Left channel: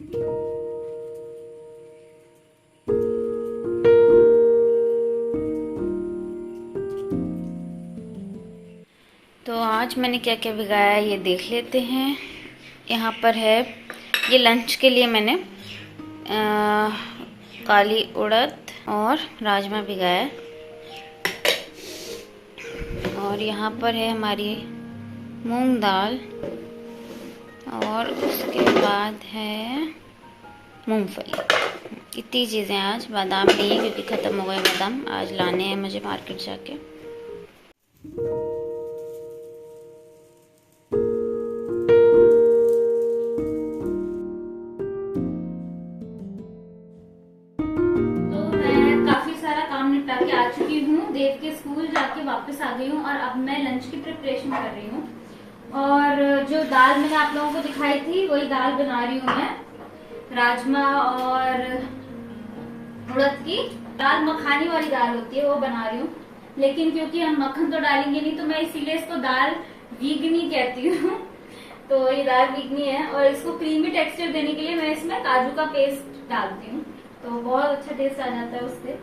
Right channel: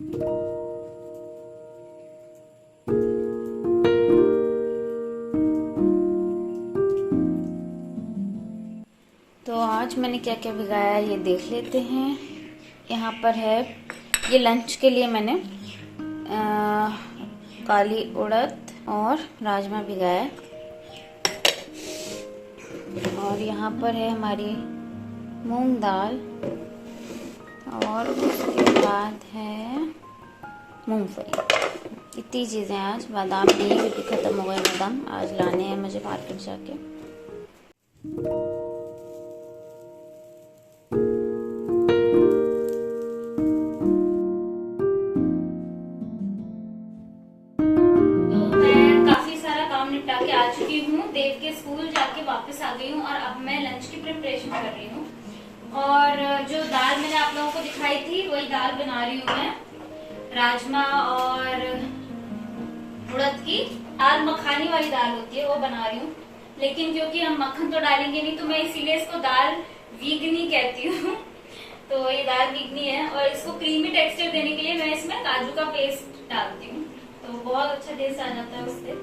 तो आज मैंने क्या क्या भिगाया ये देख लेते हैं। यहाँ पर है, ये लंच के लिए मैंने काली उड़द और राजमा भिगाया। और यहाँ पर है हमारी मूंग दाल, और उसके बाद है मूंगफली। इतनी चीज़ें आज, बादाम नहीं क्योंकि ख़त्म हो गए बादाम, आज लाने हैं मुझे मार्केट जाके। के आ चुकी हूँ, देव के स्कूल जाके वापस आ गई हूँ और अब मैं लंच की प्रिपरेशन कर रही हूँ। और जो दाल मैंने आप लोगों को दिखाई थी वही दाल बना रही हूँ मैं, राजमा और उड़द की दाल, मखानी वाली दाल होती है वो बना रही हूँ। लेकिन क्योंकि हम मक्खन तो डालेंगे नहीं तो मैं इसीलिए इसको दाल वीगनी कहती हूँ। तो ये दाल वीगनी है और इसको क्रीमी टेक्सचर देने के लिए मैं इसमें काजू का पेस्ट डालती हूँ, तो बहुत अच्छा टेस्ट आ जाता है उससे।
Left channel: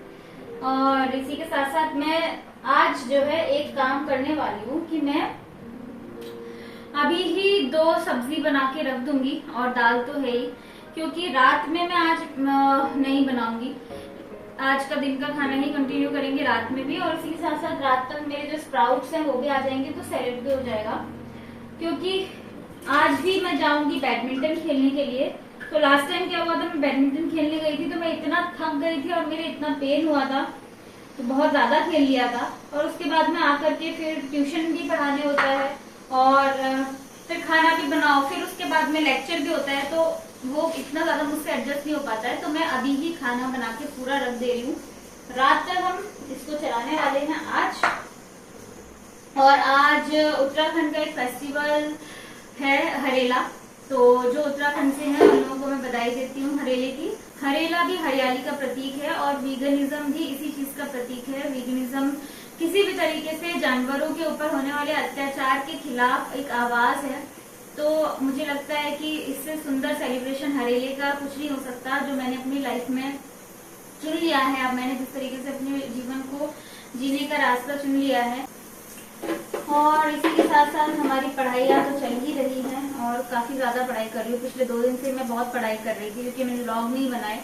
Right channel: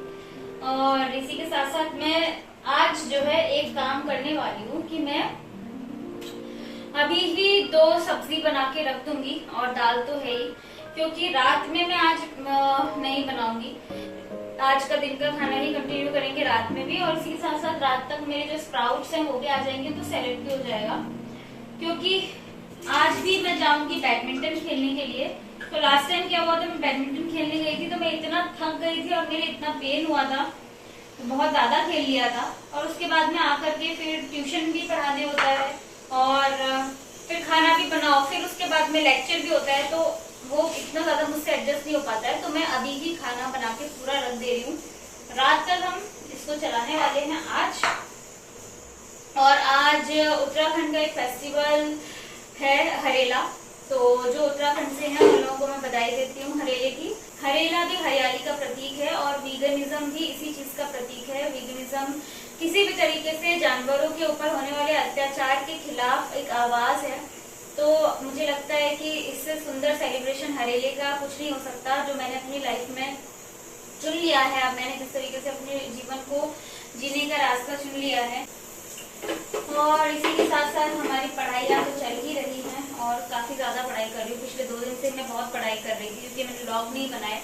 और इसी के साथ साथ मैं आज जो है एक काम करने वाली हूँ कि मैं अभी ही 2 सब्जी बना के रख दूंगी, और दाल तो है ही, क्योंकि रात में मैं आज नहीं बनाऊंगी। आज का दिन का खाना ही कंटिन्यू करेंगे रात में भी, और इसी के साथ साथ रात तक मेरे जो स्प्राउट्स हैं वो भी आ जाएंगे, तो सैलेड भी हो जाएगा। क्योंकि आज भी मैं जाऊंगी बैडमिंटन खेलने के लिए। तो लास्ट टाइम क्या हुआ था, मैं बैडमिंटन खेलने गई थी तो मैं इतना थक गई थी और मेरे इतना पेन हुआ था, तो बहुत ज्यादा खेल लिया था। और उसके बाद में आकर के फिर ट्यूशन भी पढ़ाने होता है और फिर खाना भी बनाओ, फिर उसके बाद में लेक्चर भी होता है, तो वो इतना ज्यादा मुझसे एडजस्ट नहीं हो पाता है। तो मैं अभी ही खाना बना के पूरा रख दे रही हूँ। रात तक हम इसको चलाने वाले हैं आज। और आज उत्तराखंड का एक फेस्टिवल है हरेला, तो जो उत्तराखंड से हैं उन लोगों को मैं बधाई देती हूँ हरेले की। हरेला भी हरियाली का प्रतीक है और वीगनिज्म भी इसी चीज का प्रतीक है। वीगनिज्म किसी भी तरीके से जानवरों के ऊपर होने वाले अत्याचार के खिलाफ एक आवाज है। तो मुझे लगता है कि इससे सुंदर सेलिब्रेशन हरेले का कुछ नहीं हो सकता, जो मैंने अपनी लाइफ में चुन लिया है। अब मैंने जिस तरीके से अपने जीवन को जीने का रास्ता चुन लिया है। और इसी के साथ साथ हमारी पढ़ाइयाँ तो चल ही रही हैं और काफी ज्यादा पढ़ाई कर रही हूँ। पिछले 2 दिन से मैं बहुत पढ़ाई कर रही थी क्योंकि मैंने व्लॉग नहीं बनाए,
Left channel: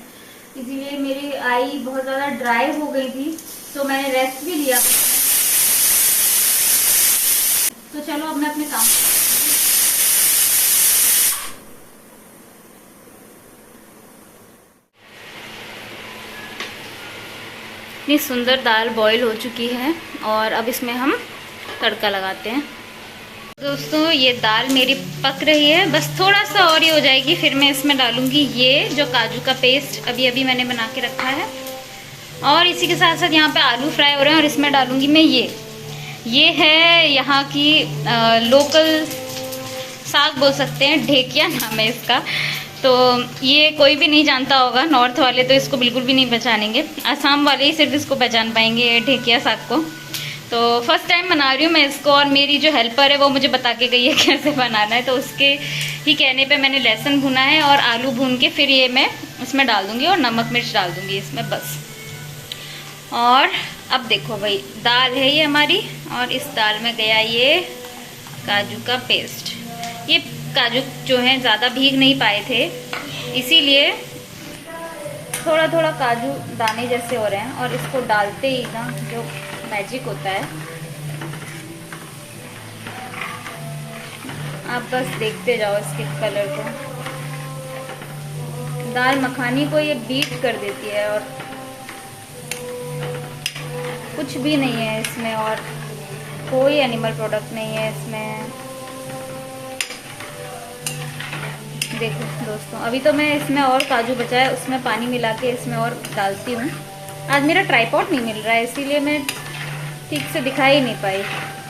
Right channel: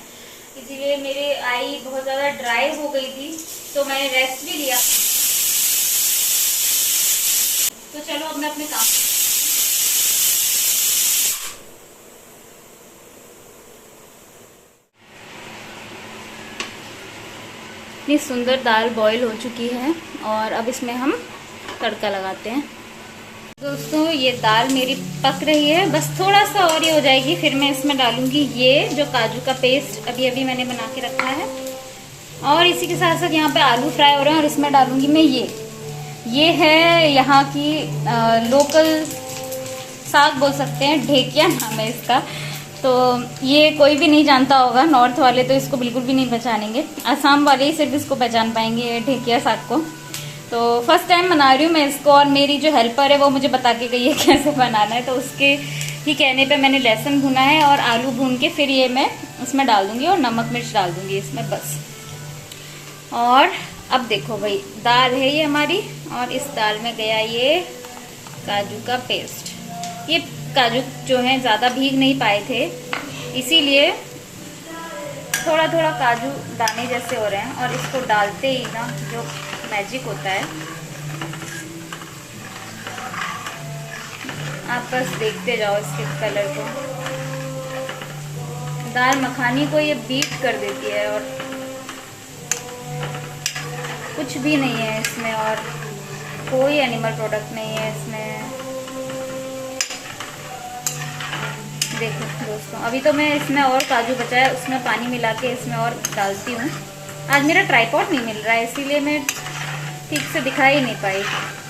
इसीलिए मेरी आई बहुत ज्यादा ड्राई हो गई थी, तो मैंने रेस्ट भी लिया। तो चलो अब मैं अपने काम इतनी सुंदर दाल बॉईल हो चुकी है और अब इसमें हम तड़का लगाते हैं। दोस्तों ये दाल मेरी पक रही है, बस थोड़ा सा और ये हो जाएगी, फिर मैं इसमें डालूंगी ये जो काजू का पेस्ट अभी अभी मैंने बना के रखा है। और इसी के साथ साथ यहाँ पे आलू फ्राई हो रहे हैं और इसमें डालूंगी मैं ये है यहाँ की लोकल साग बोल सकते हैं, ढेकिया नाम है इसका। तो ये कोई भी नहीं जानता होगा, नॉर्थ वाले तो इसको बिल्कुल भी नहीं पहचानेंगे, असम वाले ही सिर्फ इसको पहचान पाएंगे ढेकिया साग को। तो फर्स्ट टाइम बना रही हूँ मैं इसको, और मेरी जो हेल्पर है वो मुझे बता के गई है कैसे बनाना है, तो उसके ही कहने पे मैंने लहसुन भुना है और आलू भून के फिर ये मैं इसमें डाल दूंगी और नमक मिर्च डाल दूंगी इसमें बस। और अब देखो भाई दाल है ये हमारी, और इस दाल में गया ये काजू का पेस्ट। ये काजू जो है ज़्यादा भीग नहीं पाए थे, इसीलिए थोड़ा थोड़ा काजू दाने जैसे हो रहे हैं, और इसको डालते ही ना जो मैजिक होता है, आप बस देखते जाओ इसके कलर को। दाल मखानी को ये बीट कर देती है और कुछ भी नहीं है इसमें, और कोई एनिमल प्रोडक्ट नहीं है इसमें। देखो दोस्तों, अभी तो मैं इसमें और काजू बचा है उसमें पानी मिला के इसमें और डालती हूँ। आज मेरा ट्राइपॉड नहीं मिल रहा है इसीलिए मैं ठीक से दिखा ही नहीं पाई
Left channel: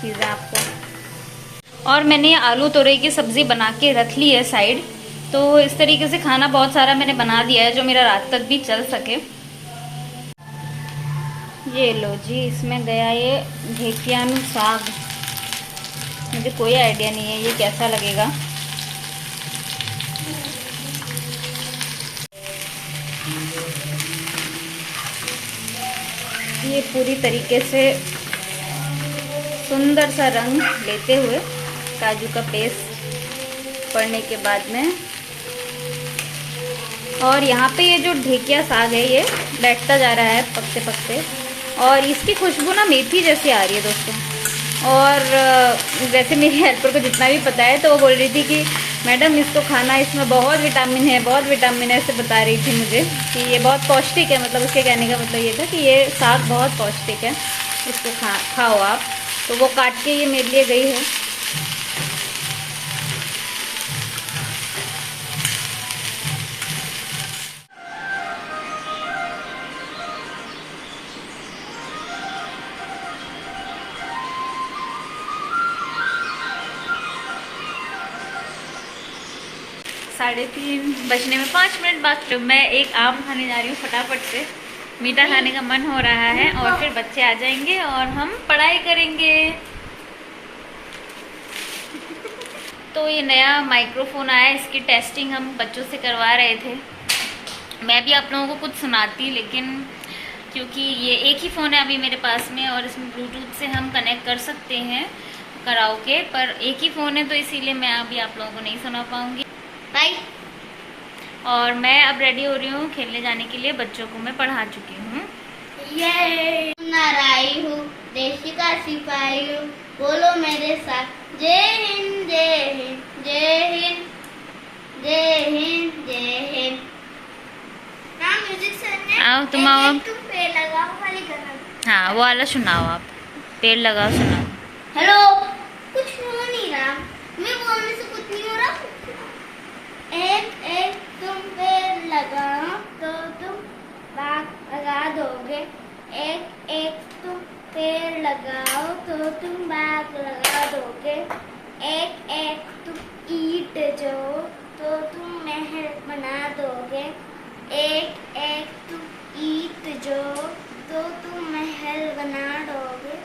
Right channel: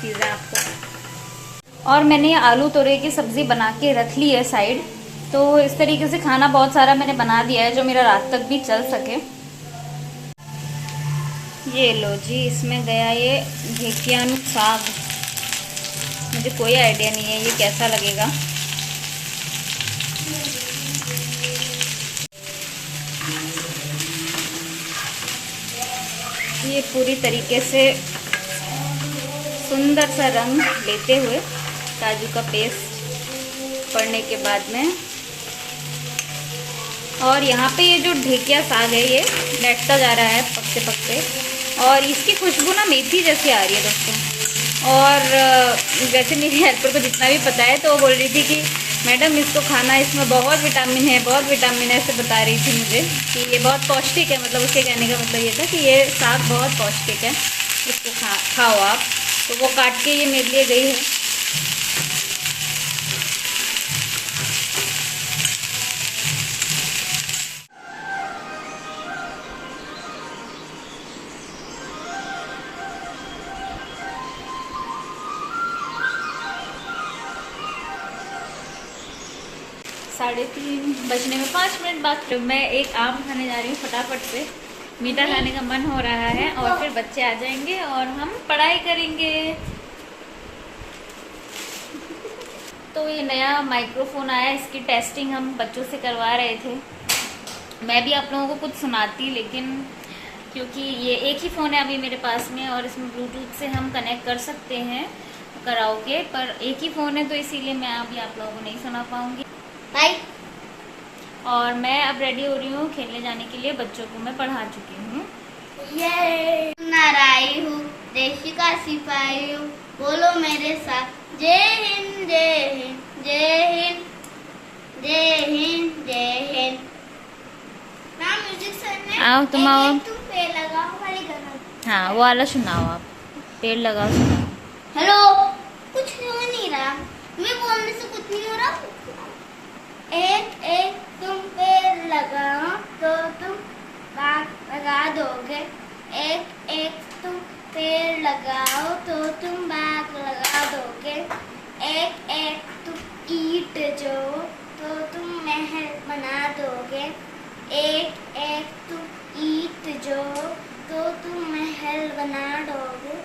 चीज़ें आपको। और मैंने आलू तोरई की सब्ज़ी बना के रख ली है साइड। तो इस तरीके से खाना बहुत सारा मैंने बना दिया है जो मेरा रात तक भी चल सके। ये लो जी, इसमें गया ये ढेकियानु साग। मुझे कोई आइडिया नहीं है ये कैसा लगेगा। ये पूरी तरीके से सुंदर सा रंग लेते हुए काजू का पेस्ट पड़ने के बाद में, और यहाँ पे ये जो ढेकिया साग है ये बैठता जा रहा है पकते पकते, और इसकी खुशबू ना मेथी जैसी आ रही है दोस्तों। और वैसे मेरी हेल्पर को जितना भी पता है तो वो बोल रही थी कि मैडम इसको खाना, इसमें बहुत विटामिन है, बहुत विटामिन है, ऐसे बता रही थी मुझे कि ये बहुत पौष्टिक है। मतलब उसके कहने का मतलब ये था कि ये साग बहुत पौष्टिक है, इसको खाओ आप। तो वो काट के ये मेरे लिए गई है। साढ़े 3 बजने में 5 मिनट बाद तो मैं एक आम खाने जा रही हूँ फटाफट से। मीठा खाने का मन हो रहा है और फिर बच्चे आ जाएंगे और हम पढ़ाई करेंगे। तो ये नया माइक्रोफोन आया, इसकी टेस्टिंग हम बच्चों से करवा रहे थे। मैं भी आप लोगों को कुछ सुनाती, लेकिन क्योंकि ये एक ही फ़ोन है अभी मेरे पास में और इसमें ब्लूटूथ से हम कनेक्ट कर सकते हैं कराओके, पर एक ही फ़ोन है तो इसीलिए मैं अभी आप लोगों को नहीं सुना पाऊंगी। बाय। और मैं अब रेडी हो रही हूँ खेलने जाने के लिए। बच्चों को मैं पढ़ा चुकी हूँ। ये नाराई हूँ, देश का सिपाही हूँ, बोलो मेरे साथ जय हिंद जय हिंद जय हिंद जय हिंद जय हिंद। ना म्यूजिक सर ने आओ तुम आओ। तुम पेड़ लगाओ वाली गाना। हाँ वो वाला सुनाओ आप, पेड़ लगाओ सुनाओ। हेलो, कुछ हो नहीं रहा, मैं बोलने से कुछ नहीं हो रहा। एक एक तुम पेड़ लगाओ तो तुम बाग लगा दोगे, एक एक तुम पेड़ लगाओ तो तुम बाग लगा दोगे, एक एक तुम ईंट जो तो तुम महल बना दोगे, एक एक तुम ईंट जो तो तुम महल बना दोगे,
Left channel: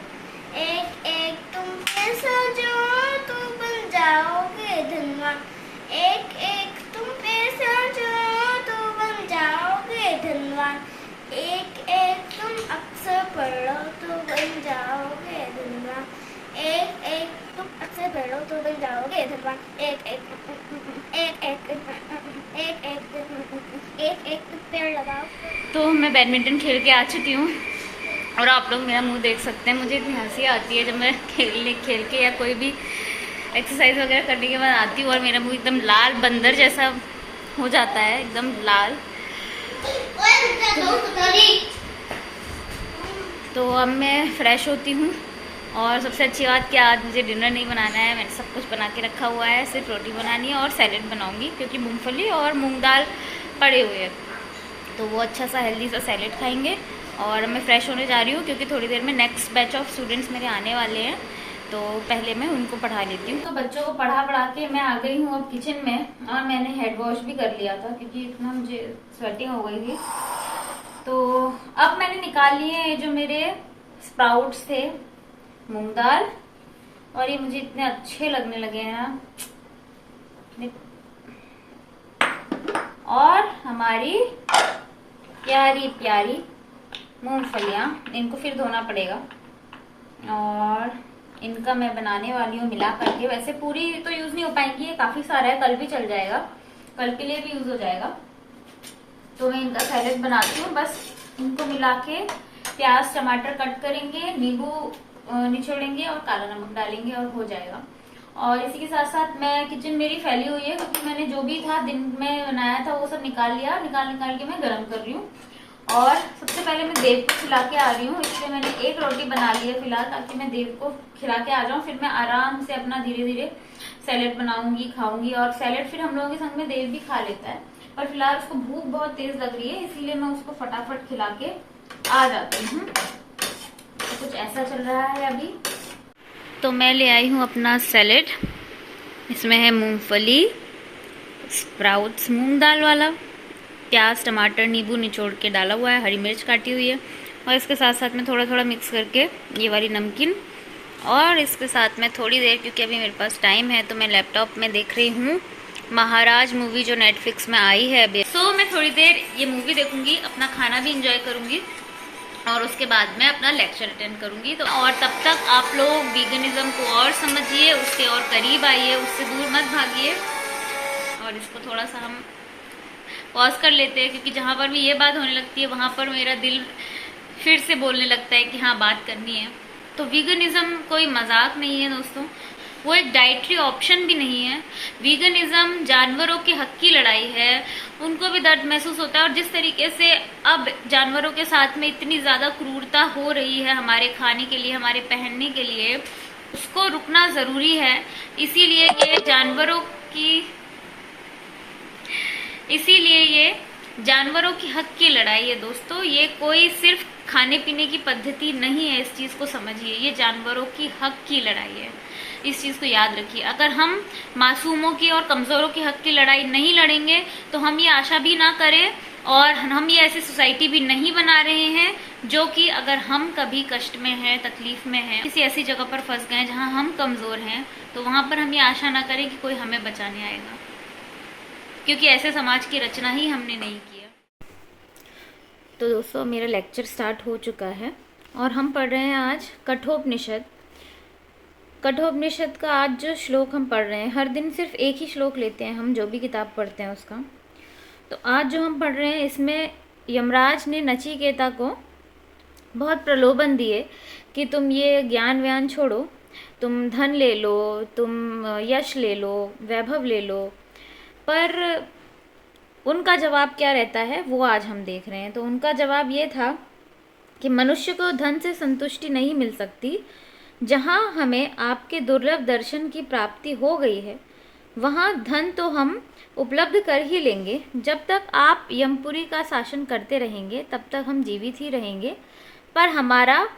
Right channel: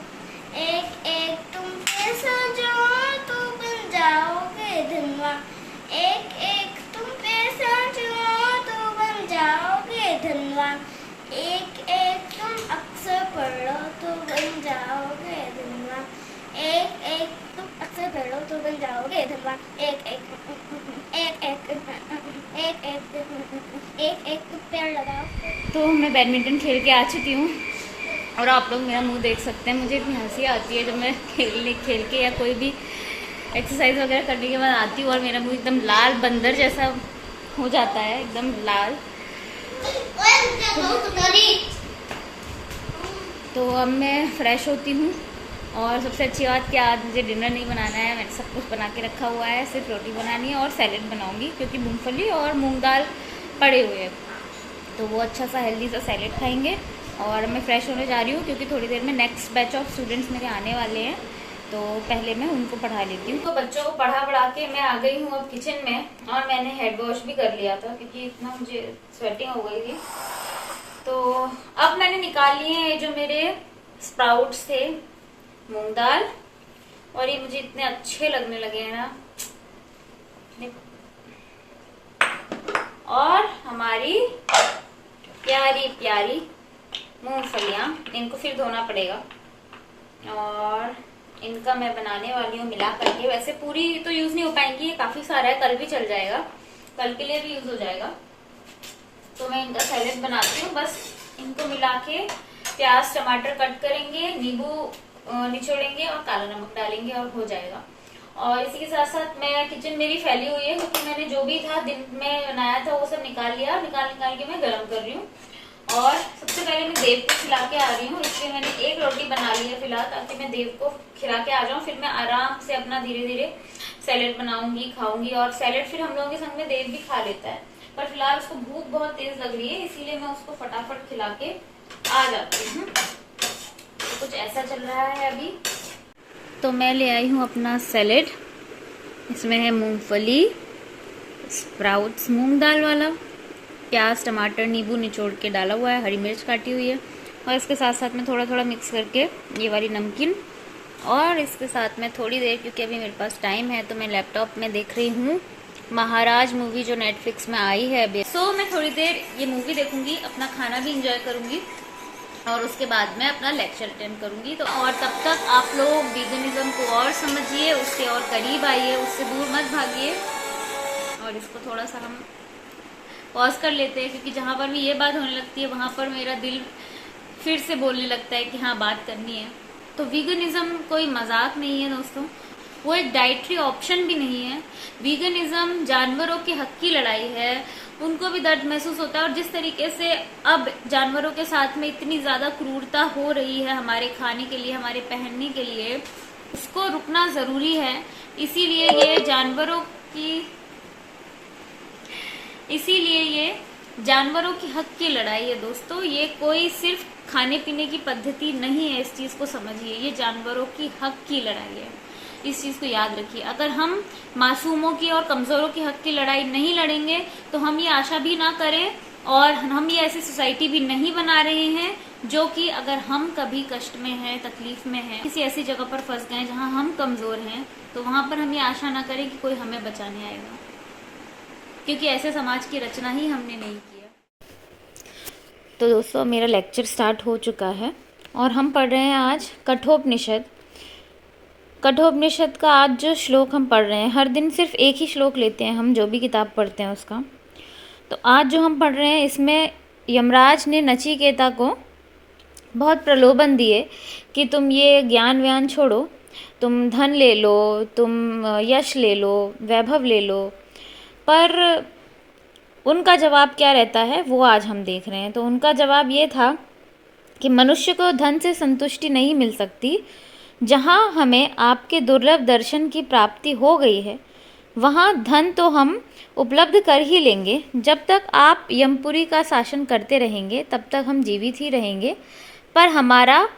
एक एक तुम पैसा जो तो बन जाओगे धनवान, एक एक तुम पैसा जो तो बन जाओगे धनवान, एक एक तुम अक्षर पढ़ो तो बन जाओगे धनवान, एक एक तुम अक्षर पढ़ो तो बन जाओगे धनवान, एक एक एक एक एक एक एक एक तुम पेड़ लगाओ। तो मैं बैडमिंटन खेल के आ चुकी हूँ और आप लोग मेरा मुंह देख सकते हैं। मुझे इतनी हंसी आती है जब मैं खेल के या कोई भी एक्सरसाइज वगैरह करने के बाद आती हूँ और मेरा मुंह एकदम लाल बंदर जैसा हो जाता है, एकदम लाल। तो अब मैं फ्रेश होती हूँ और सबसे अच्छी बात कि आज मुझे डिनर नहीं बनाना है, मैंने सब कुछ बना के रखा हुआ है, सिर्फ रोटी बनानी है और सैलेड बनाऊंगी क्योंकि मूंगफली और मूंग दाल पड़े हुए हैं, तो वो अच्छा सा हेल्दी सा सैलेड खाएंगे। और मैं फ्रेश होने जा रही हूँ क्योंकि थोड़ी देर में नेक्स्ट बैच ऑफ स्टूडेंट्स मेरे आने वाले हैं, तो पहले मैं उनको पढ़ा लेती हूँ। तो बच्चों को पढ़ा के मैं आ गई हूँ अब किचन में और मैंने हेड वॉश भी कर लिया था क्योंकि इतना मुझे स्वेटिंग हो गई थी। तो अब मैंने निकाल लिए हैं जो मेरे स्प्राउट्स थे, मूंग दाल, और ये मुझे इतने अच्छे लगने लगे हैं ना। और हमारी प्यारी प्यारी मूंगफलियां, इनको फिर धोना पड़ेगा और इनका मैं बनाने वाली हूँ मिला करके। वैसे पूरी तो यूज नहीं हो पाएंगी, ये काफी सारा है, कल भी चल जाएगा, कल के लिए भी यूज हो जाएगा। तो मैं इनका सैलेड बनाती हूँ। बस इनको मिला के प्याज टमाटर कट करेंगे, नींबू निचोड़ेंगे और काला नमक डालेंगे और हो जाएगा। और इसी के साथ साथ मैं किचन मेरी फैली हुई है क्योंकि मैंने जो भी था दिन में बनाया था वो सब निकाल लिया, निकाल के मैं गर्म कर रही हूँ। और सबसे पहले मैं देव को खिला के आ रही हूँ, इसलिए मैंने एक रोटी बना ली है फिलहाल, ताकि मैं देव को खिला के आ जाऊँ, फिर मैं आराम से अपना धीरे धीरे सैलेड बनाऊंगी, खाऊंगी। और सैलेड फिर हम लोगों के संग में देव भी खा लेता है, पर फिलहाल उसको भूख बहुत तेज लग रही है, इसीलिए मैं उसको फटाफट खिला के आ जाती हूँ। तो कुछ ऐसा चल रहा है अभी। तो मैं ले आई हूँ अपना सैलेड, इसमें है मूंगफली, स्प्राउट्स मूंग दाल वाला, प्याज टमाटर नींबू निचोड़ के डाला हुआ है, हरी मिर्च काटी हुई है, और इसके साथ साथ में थोड़ा थोड़ा मिक्स करके ये वाली नमकीन, और इसके साथ में थोड़ी देर, क्योंकि अभी मेरे पास टाइम है, तो मैं लैपटॉप में देख रही हूँ महाराज मूवी जो नेटफ्लिक्स में आई है अभी। सो मैं थोड़ी देर ये मूवी देखूंगी, अपना खाना भी इंजॉय करूंगी और उसके बाद में अपना लेक्चर अटेंड करूंगी। तो और तब तक आप लोग वीगनिज्म को और समझिए, उसके और करीब आइए, उससे दूर मत भागिए। और इसको थोड़ा सा हम पॉज कर लेते हैं, क्योंकि जहाँ पर भी ये बात होने लगती है वहाँ पर मेरा दिल फिर से बोलने लगता है कि हाँ बात करनी है। तो वीगनिज्म कोई मजाक नहीं है दोस्तों, वो एक डाइटरी ऑप्शन भी नहीं है। वीगनिज्म जानवरों के हक की लड़ाई है, उनको भी दर्द महसूस होता है। और जिस तरीके से अब जानवरों के साथ में इतनी ज़्यादा क्रूरता हो रही है हमारे खाने के लिए, हमारे पहनने के लिए, उसको रुकना ज़रूरी है। इसीलिए ये जानवरों की हक की लड़ाई है दोस्तों। ये कोई सिर्फ खाने पीने की पद्धति नहीं है, इस चीज़ को समझिए। ये जानवरों की हक की लड़ाई है, इस चीज़ को याद रखिए। अगर हम मासूमों की और कमज़ोरों के हक की लड़ाई नहीं लड़ेंगे तो हम ये आशा भी ना करें और हम ये ऐसी सोसाइटी भी नहीं बना रहे हैं जो कि अगर हम कभी कष्ट में हैं, तकलीफ में हैं, किसी ऐसी जगह पर फंस गए जहां हम कमज़ोर हैं, तो वहां पर हम ये आशा ना करें कि कोई हमें बचाने आएगा, क्योंकि ऐसे समाज की रचना ही हमने नहीं की है। तो दोस्तों मेरा लेक्चर स्टार्ट हो चुका है और हम पढ़ रहे हैं आज कठोपनिषद। कठोपनिषद का आज जो श्लोक हम पढ़ रहे हैं, हर दिन सिर्फ एक ही श्लोक लेते हैं हम जो भी किताब पढ़ते हैं उसका। तो आज जो हम पढ़ रहे हैं इसमें यमराज ने नचिकेता को बहुत प्रलोभन दिए कि तुम ये ज्ञान व्यान छोड़ो, तुम धन ले लो, तुम यश ले लो, वैभव ले लो। पर उनका जवाब क्या रहता है वो आज हम देख रहे हैं। तो उनका जवाब ये था कि मनुष्य को धन से संतुष्टि नहीं मिल सकती। जहाँ हमें आपके दुर्लभ दर्शन की प्राप्ति हो गई है वहाँ धन तो हम उपलब्ध कर ही लेंगे। जब तक आप यमपुरी का शासन करते रहेंगे तब तक हम जीवित ही रहेंगे, पर हमारा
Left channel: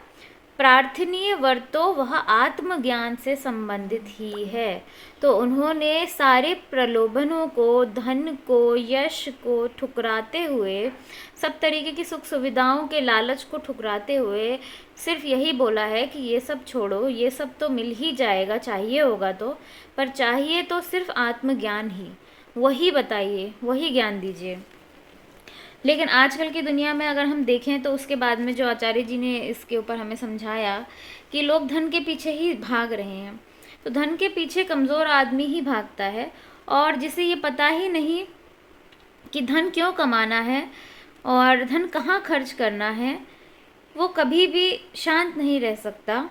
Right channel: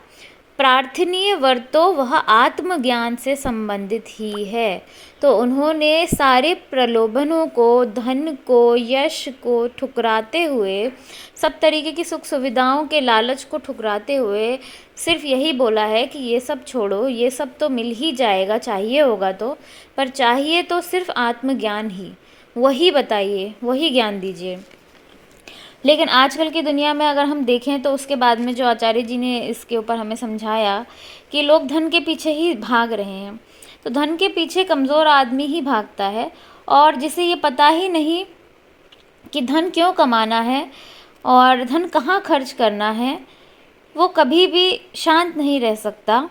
प्रार्थनीय वर तो वह आत्मज्ञान से संबंधित ही है। तो उन्होंने सारे प्रलोभनों को, धन को, यश को ठुकराते हुए, सब तरीके की सुख सुविधाओं के लालच को ठुकराते हुए सिर्फ यही बोला है कि ये सब छोड़ो, ये सब तो मिल ही जाएगा, चाहिए होगा तो, पर चाहिए तो सिर्फ आत्मज्ञान ही, वही बताइए, वही ज्ञान दीजिए। लेकिन आजकल की दुनिया में अगर हम देखें तो उसके बाद में जो आचार्य जी ने इसके ऊपर हमें समझाया कि लोग धन के पीछे ही भाग रहे हैं। तो धन के पीछे कमज़ोर आदमी ही भागता है, और जिसे ये पता ही नहीं कि धन क्यों कमाना है और धन कहाँ खर्च करना है, वो कभी भी शांत नहीं रह सकता।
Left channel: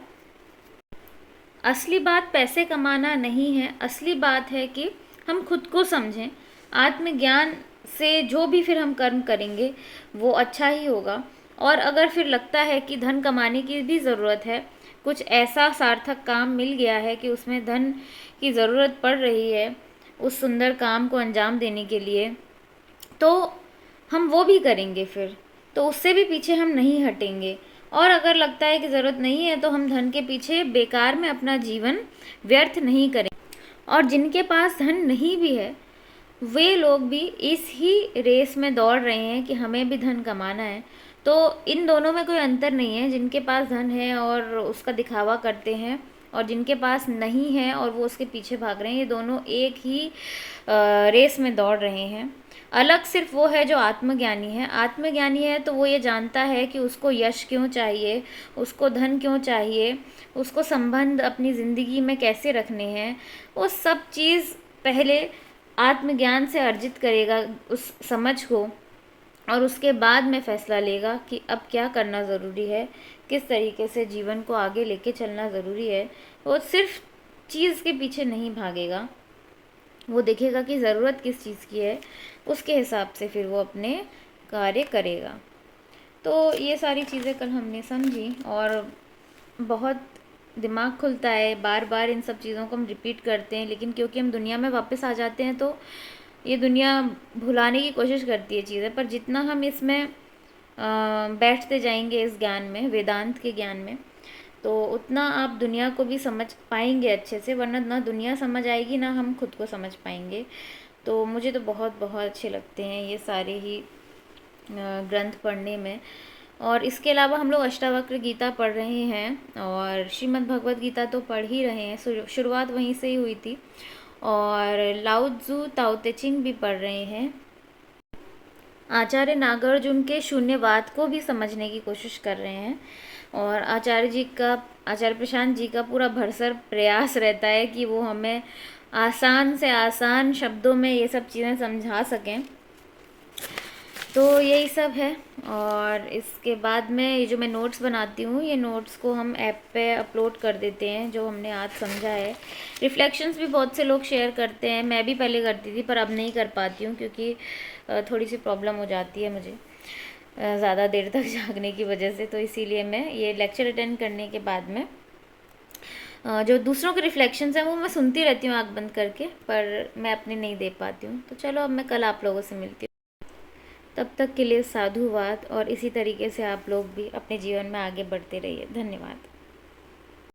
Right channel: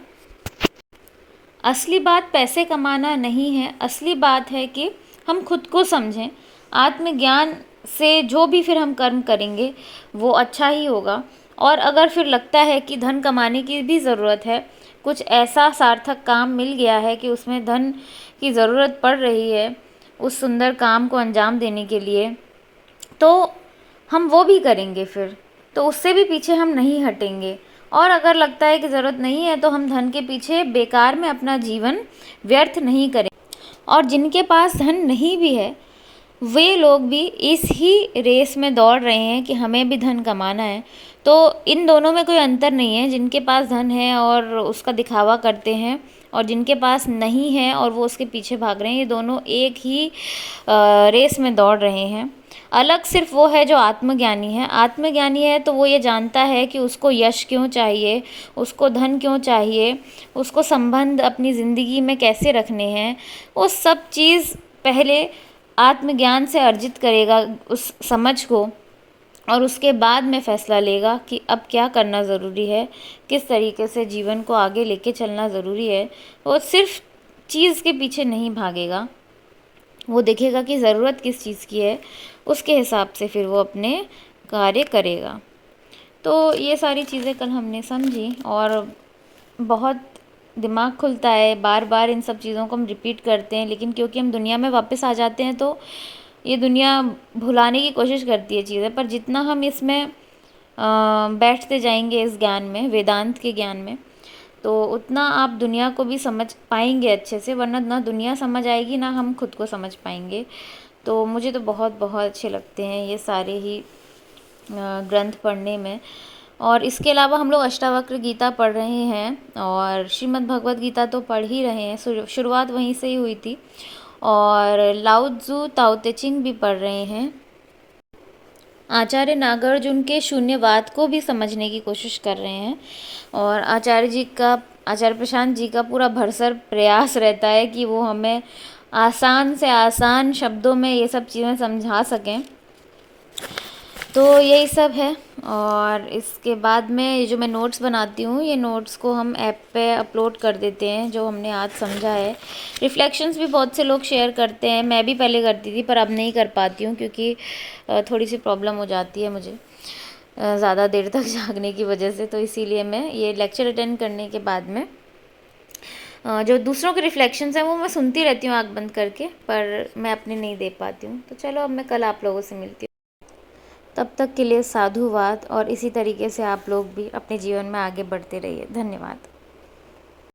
असली बात पैसे कमाना नहीं है, असली बात है कि हम खुद को समझें। आत्मज्ञान से जो भी फिर हम कर्म करेंगे वो अच्छा ही होगा। और अगर फिर लगता है कि धन कमाने की भी ज़रूरत है, कुछ ऐसा सार्थक काम मिल गया है कि उसमें धन की ज़रूरत पड़ रही है उस सुंदर काम को अंजाम देने के लिए, तो हम वो भी करेंगे फिर, तो उससे भी पीछे हम नहीं हटेंगे। और अगर लगता है कि ज़रूरत नहीं है तो हम धन के पीछे बेकार में अपना जीवन व्यर्थ नहीं करें। और जिनके पास धन नहीं भी है वे लोग भी इस ही रेस में दौड़ रहे हैं कि हमें भी धन कमाना है। तो इन दोनों में कोई अंतर नहीं है, जिनके पास धन है और उसका दिखावा करते हैं और जिनके पास नहीं है और वो उसके पीछे भाग रहे हैं, ये दोनों एक ही रेस में दौड़ रहे हैं। अलग सिर्फ वो है जो आत्मज्ञानी है। आत्मज्ञानी है तो वो ये जानता है कि उसको यश क्यों चाहिए, उसको धन क्यों चाहिए, उसको संबंध अपनी ज़िंदगी में कैसे रखने हैं, वो सब चीज़ पहले आत्मज्ञान से अर्जित करेगा उस समझ को, और उसके बाद में फ़ैसला लेगा कि अब क्या करना ज़रूरी है, किस तरीके से जीवन को आगे लेके चलना ज़रूरी है। वो सिर्फ चीज़ के पीछे नहीं भागेगा, वो देखेगा कि ज़रूरत किस चीज़ की है, उसके हिसाब से फिर वो अपने कार्य करेगा। तो ये सारी चीज़ें कल हमने समझी और बहुत दिमाग खुलता है। बार बार इन सब चीज़ों को हम रिपीट करते हैं, लेकिन क्योंकि हम दुनिया में वापस आ जाते हैं तो ये दुनिया भुलाने की कोशिश करती है चीज़ें। पर जितना हम इसमें बैठते जाएंगे इस ज्ञान में, वेदांत के ज्ञान में, तो उतना आप दुनिया को भी समझ पाएंगे अच्छे से, वरना ना दुनिया समझ आएगी ना हम खुद को समझ पाएंगे। तो मुझे तो बहुत बहुत अच्छे लगते हैं ये सारे ही ग्रंथ पढ़ने में। और इसके अलावा हम लोग अष्टावक्र गीता पढ़ रहे हैं और श्रीमद् भगवत गीता तो पढ़ ही रहे हैं, शुरुआत वहीं से ही हुई थी। और लाओ त्ज़ू ताओ ते चिंग भी पढ़ रहे हैं। आचार्य नागार्जुन के शून्यवाद को भी समझने की कोशिश कर रहे हैं और आचार्य प्रशांत जी का पूरा भरसक प्रयास रहता है कि वो हमें आसान से आसान शब्दों में ये सब चीज़ें समझा सकें। तो यही सब है। और इसके बाद में ये जो मैं नोट्स बनाती हूँ, ये नोट्स को हम ऐप पे अपलोड कर देते हैं जो हमने आज समझा है। रिफ्लेक्शंस भी बहुत से लोग शेयर करते हैं, मैं भी पहले करती थी पर अब नहीं कर पाती हूँ क्योंकि थोड़ी सी प्रॉब्लम हो जाती है मुझे ज़्यादा देर तक जागने की वजह से। तो इसीलिए मैं ये लेक्चर अटेंड करने के बाद में जो दूसरों के रिफ्लेक्शंस हैं वो मैं सुनती रहती हूँ आँख बंद करके, पर मैं अपने नहीं दे पाती हूँ। तो चलो अब मैं कल आप लोगों से मिलती हूँ। तब तक के लिए साधुवाद, और इसी तरीके से आप लोग भी अपने जीवन में आगे बढ़ते रहिए। धन्यवाद।